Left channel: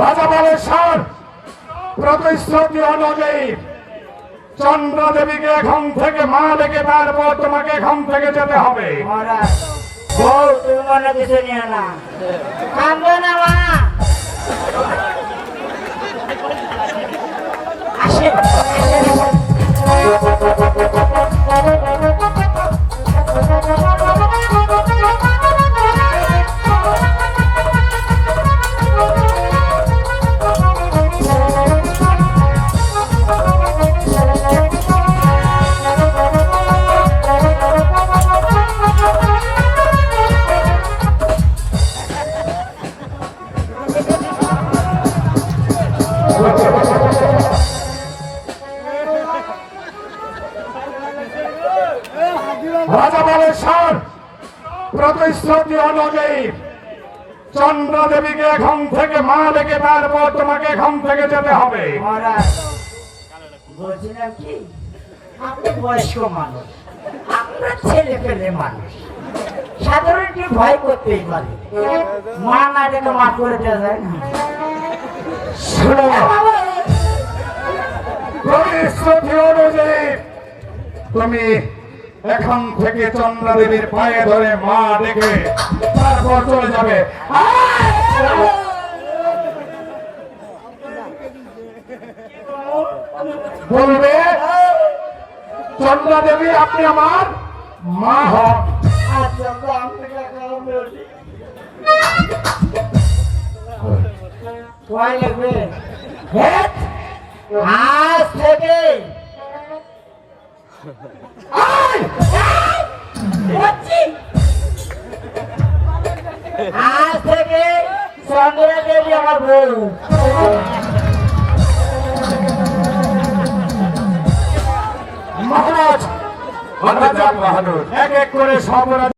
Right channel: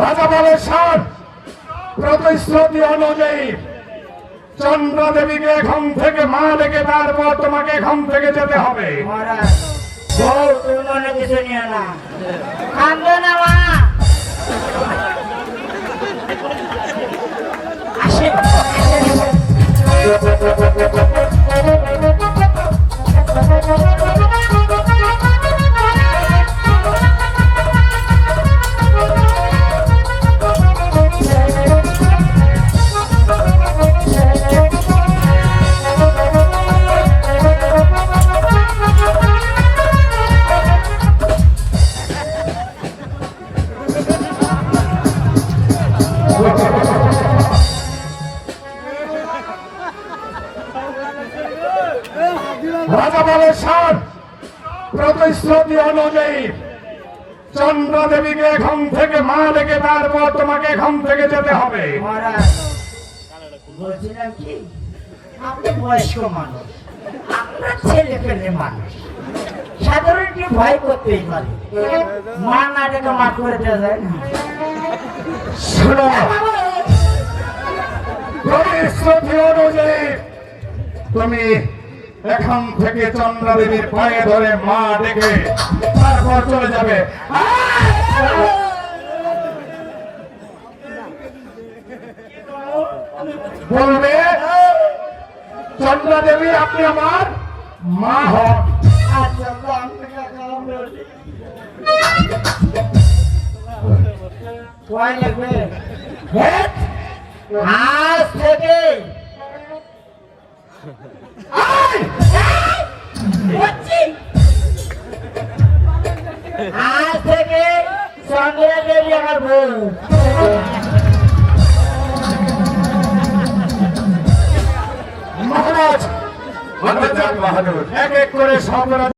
রাজা বলে স্যার, প্রতিশ্রুতি অনুযায়ী চন্দ্রা দেবীকে এখান থেকে মা ডেকে তারপর তোমাকে এখান থেকে যেতে হবে। তুমি মনে কিছু নিয়ে না, কাঁদবে না মা। আসেন রাজা বলে স্যার, প্রতিশ্রুতি অনুযায়ী চন্দ্রা দেবীকে এখান থেকে মা ডেকে তারপর তোমাকে এখান থেকে যেতে হবে। বলছিলাম কি, আপনি বয়স্ক মানুষ, আমরা ছেলে পেলে মানুষ, সাধারণ একটু ভয় করতেই পারে। মা না ডেকে মা করে দেওয়া যায় না। শোনো, প্রতিশ্রুতি অনুযায়ী তুমি এখান থেকে চন্দ্রা দেবীর পায়ে ধরে মা ডেকে তারপর চলে যাবে। বলবে চন্দ্রা দেবী আপনি আমার মা হন। ভয় লাগবে? আজ থেকে আজ থেকে চন্দ্রা দেবী আমার বউ। মহারাজ, আমরা এক এক করে সর্বরাজ